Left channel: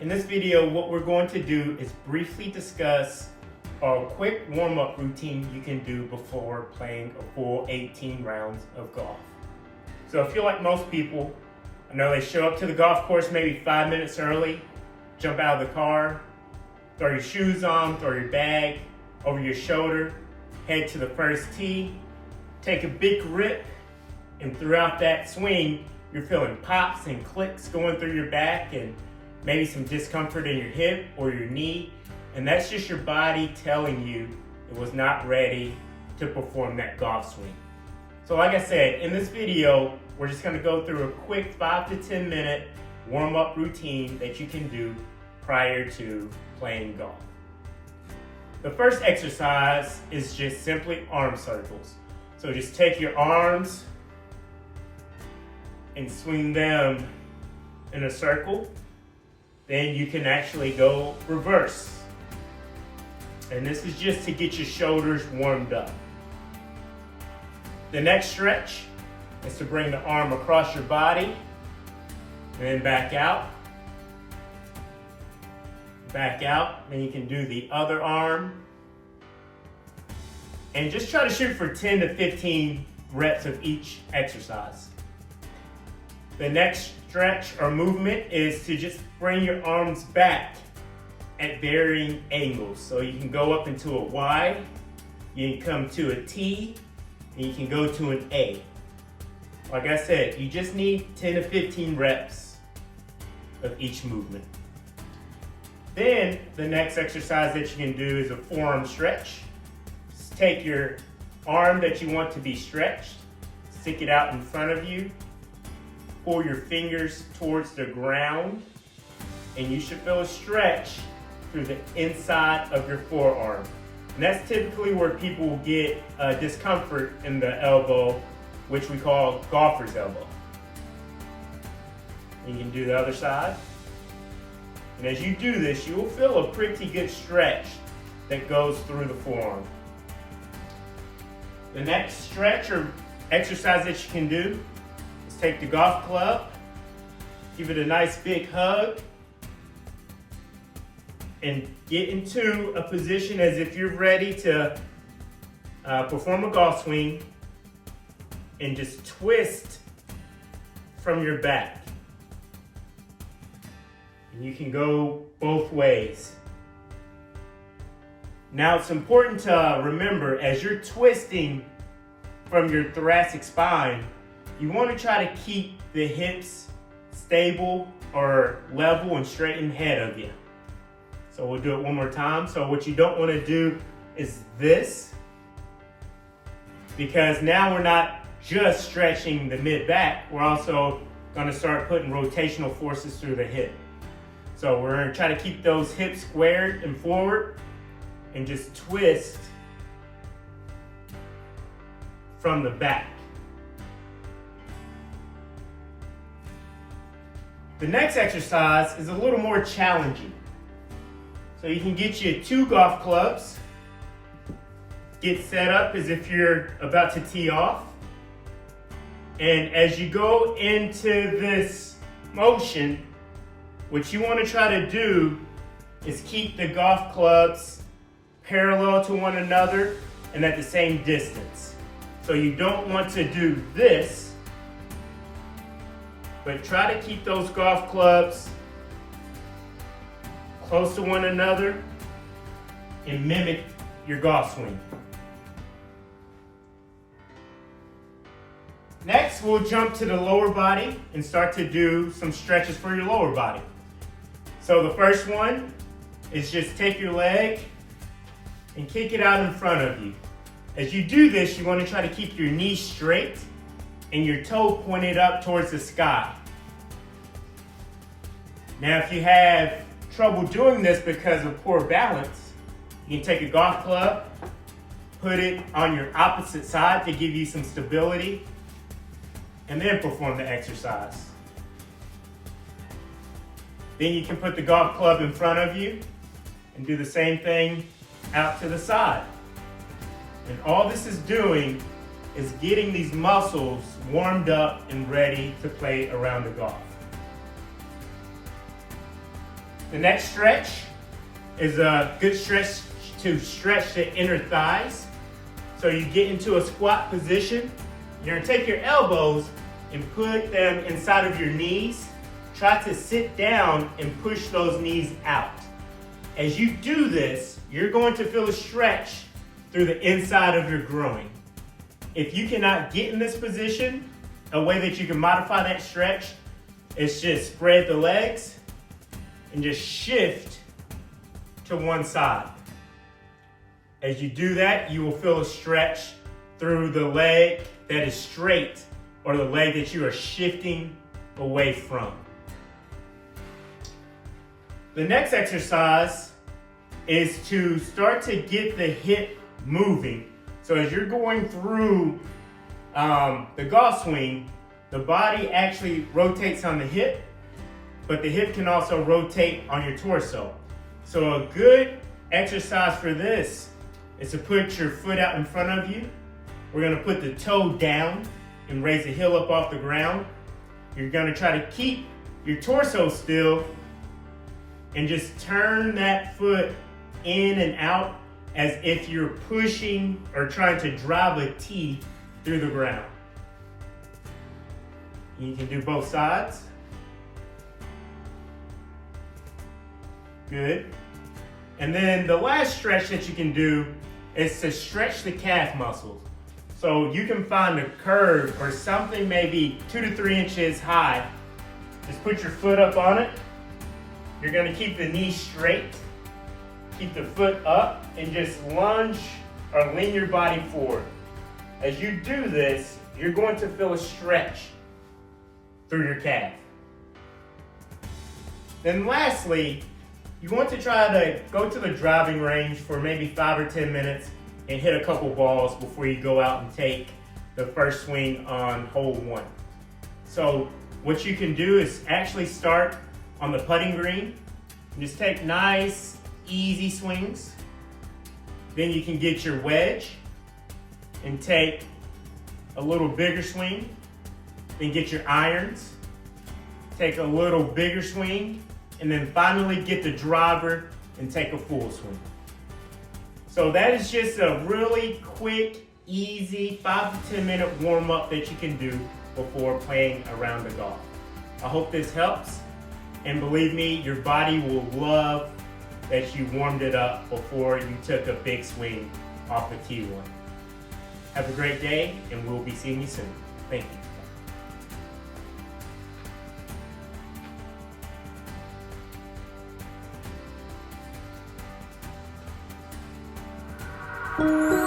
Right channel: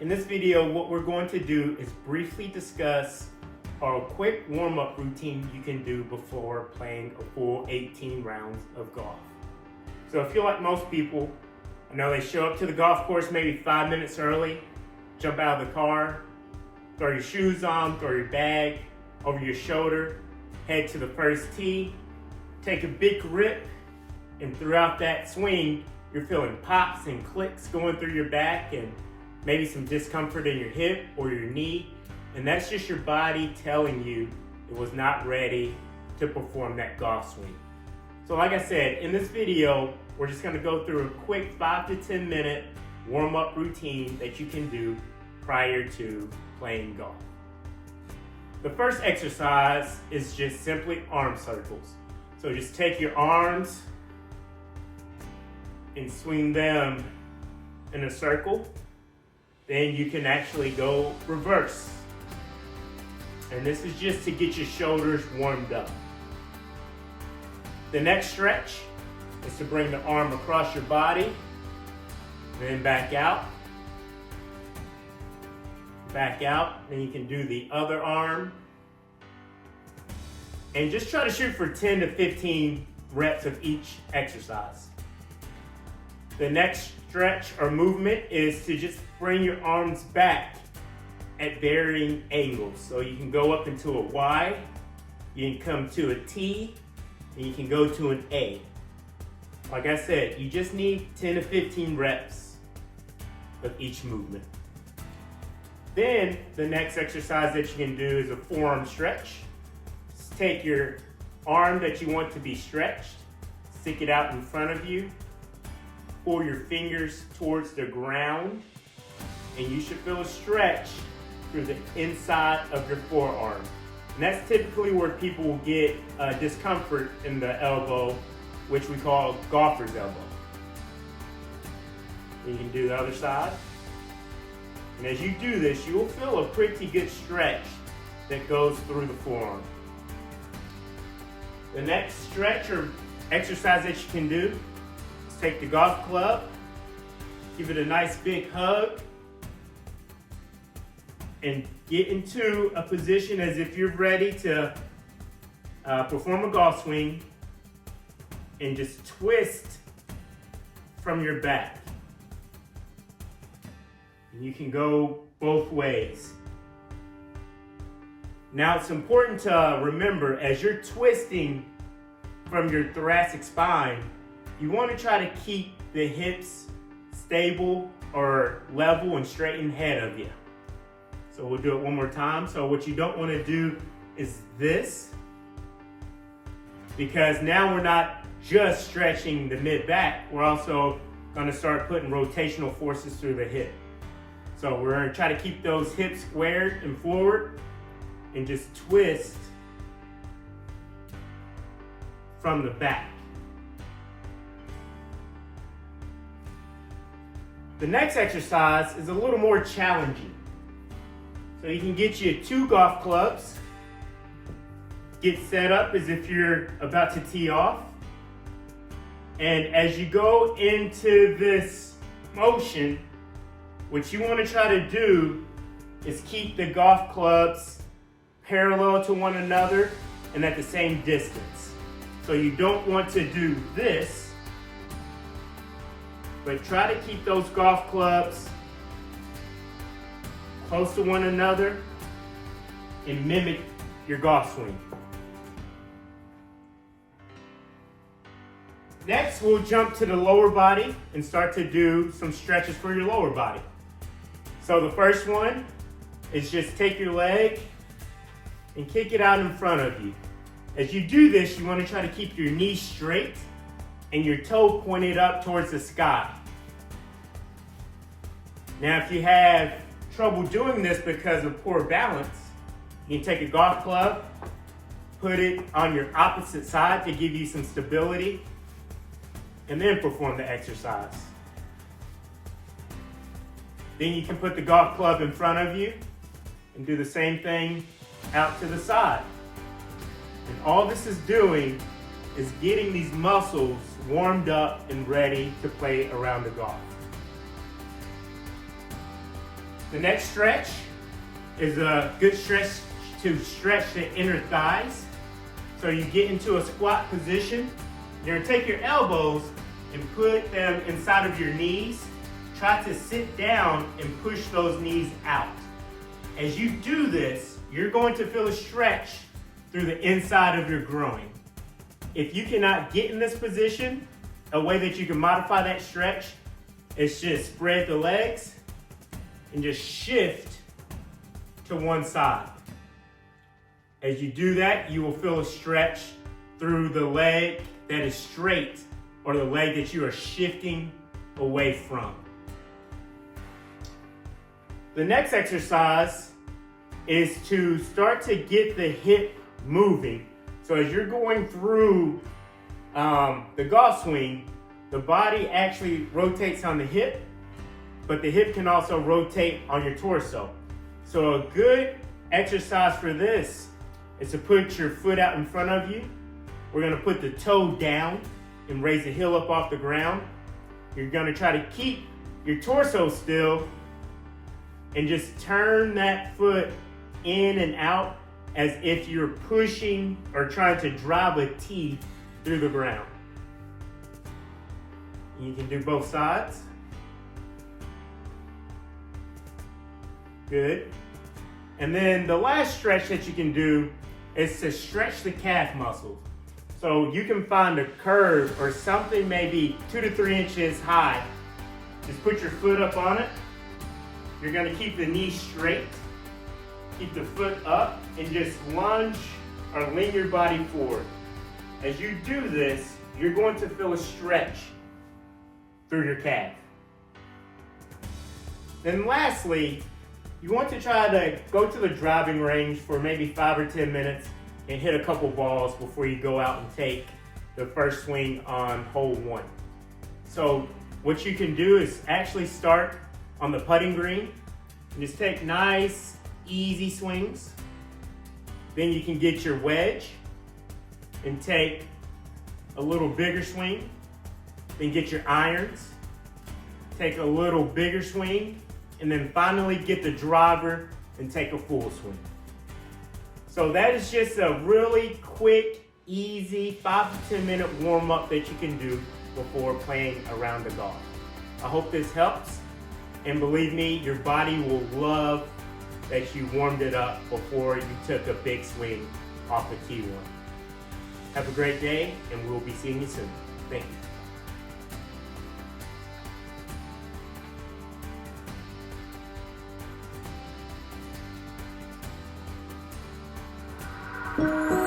In this video, what we're going to do is briefly discuss a quick warm-up routine you can do before playing a full 18 rounds of golf. So if you're like most people, I know they show up to the golf course maybe 5 minutes early, jump out of the car, throw your shoes on, throw your bag over your shoulder, head to the first tee, take a big rip, and throughout that swing, you're feeling pops and clicks going through your back and maybe some discomfort in your hip or your knee, and that's just your body telling you it was not ready to perform that golf swing. So like I said, in this video, we're just gonna go through a quick 5 to 10 minute warm-up routine that you can do prior to playing golf. The first exercise is just simply arm circles. So just take your arms and swing them in a circle. Then you can actually go reverse. And this is just to get your shoulders warmed up. The next stretch is to bring the arm across your body, and then back out. Back out, then you can do the other arm. And just try to shoot for 10 to 15 reps of each exercise. The next stretch or movement is to just bring your arms back at varying angles. So you can go up into a Y, you can come to a T, and you can go to an A. Like I said, you just need 10 to 15 reps of each movement. Then the next exercise that you can do is a forearm stretch. Just take your arm that you want to be stretched, stick it out in front of you, pull your fingers towards the ground, and you should feel a stretch through the inside of your forearm. And that's typically where people will get discomfort in the elbow, which we call golfer's elbow. And you can do the other side. And as you do this, you will feel a pretty good stretch that goes through the forearm. The next stretch or exercise that you can do, take the golf club, give it a nice big hug, and get into a position as if you're ready to perform a golf swing, and just twist from your back. And you can go both ways. Now it's important to remember, as you're twisting from your thoracic spine, you want to try to keep the hips stable or level and straighten ahead of you. So we'll do it one more time. So what you don't want to do is this, because now we're not just stretching the mid-back, we're also going to start putting rotational forces through the hip. So we're going to try to keep those hips squared and forward and just twist from the back. The next exercise is a little more challenging. So you can get you 2 golf clubs, get set up as if you're about to tee off. And as you go into this motion, what you want to try to do is keep the golf clubs parallel to one another and at the same distance. So you don't want to do this, but try to keep those golf clubs close to one another and mimic your golf swing. Next, we'll jump to the lower body and start to do some stretches for your lower body. So the first one is just take your leg and kick it out in front of you. As you do this, you want to try to keep your knee straight and your toe pointed up towards the sky. Now, if you have trouble doing this because of poor balance, you can take a golf club, put it on your opposite side to give you some stability, and then perform the exercise. Then you can put the golf club in front of you and do the same thing out to the side. And all this is doing is getting these muscles warmed up and ready to play around the golf. The next stretch is a good stretch to stretch the inner thighs. So you get into a squat position. You're gonna take your elbows and put them inside of your knees. Try to sit down and push those knees out. As you do this, you're going to feel a stretch through the inside of your groin. If you cannot get in this position, a way that you can modify that stretch is just spread the legs and just shift to one side. As you do that, you will feel a stretch through the leg that is straight or the leg that you are shifting away from. The next exercise is to start to get the hip moving. So as you're going through the golf swing, the body actually rotates on the hip, but the hip can also rotate on your torso. So a good exercise for this is to put your foot out in front of you. We're gonna put the toe down and raise the heel up off the ground. You're gonna try to keep your torso still and just turn that foot in and out as if you're pushing or trying to drive a tee through the ground. You can do both sides. Good. And then the last stretch that you can do is to stretch the calf muscles. So you can find a curve or something maybe 2 to 3 inches high. Just put your foot up on it. You're gonna keep the knee straight, keep the foot up, and just lunge or lean your body forward. As you do this, you're going to feel a stretch through your calf. Then lastly, you want to try to go to the driving range for maybe 5 or 10 minutes and hit a couple balls before you go out and take the first swing on hole 1. So what you can do is actually start on the putting green. Just take nice, easy swings. Then you can get your wedge and take a little bigger swing. Then get your irons, take a little bigger swing, and then finally get the driver and take a full swing. So that is just a really quick, easy 5 to 10 minute warm up that you can do before playing a round of golf. I hope this helps, and believe me, your body will love that you warmed it up before you took a big swing off the tee one. Have a great day, and we'll be seeing you soon. Thank you.